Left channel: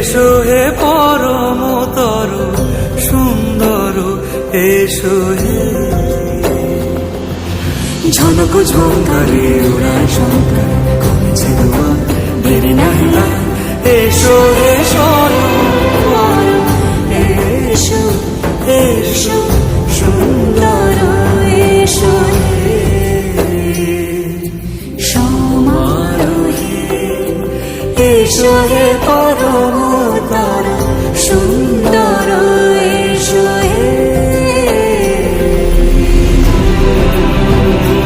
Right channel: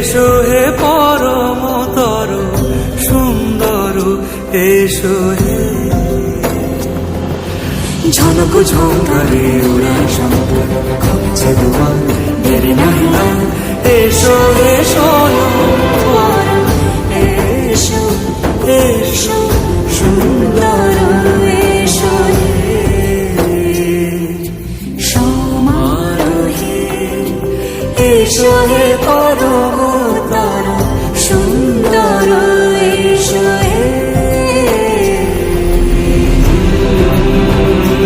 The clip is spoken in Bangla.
এসো হে পরমতর সুন্দর এসো হে। ঝনক ঝঙ্কারে উড়ায় শঙ্কার কমেছে দুয়ার দেরি নাহি আর। এসো হে স্বয়ং এসো এসো সুন্দর এসো হে। সমারোহে এসো হে পরম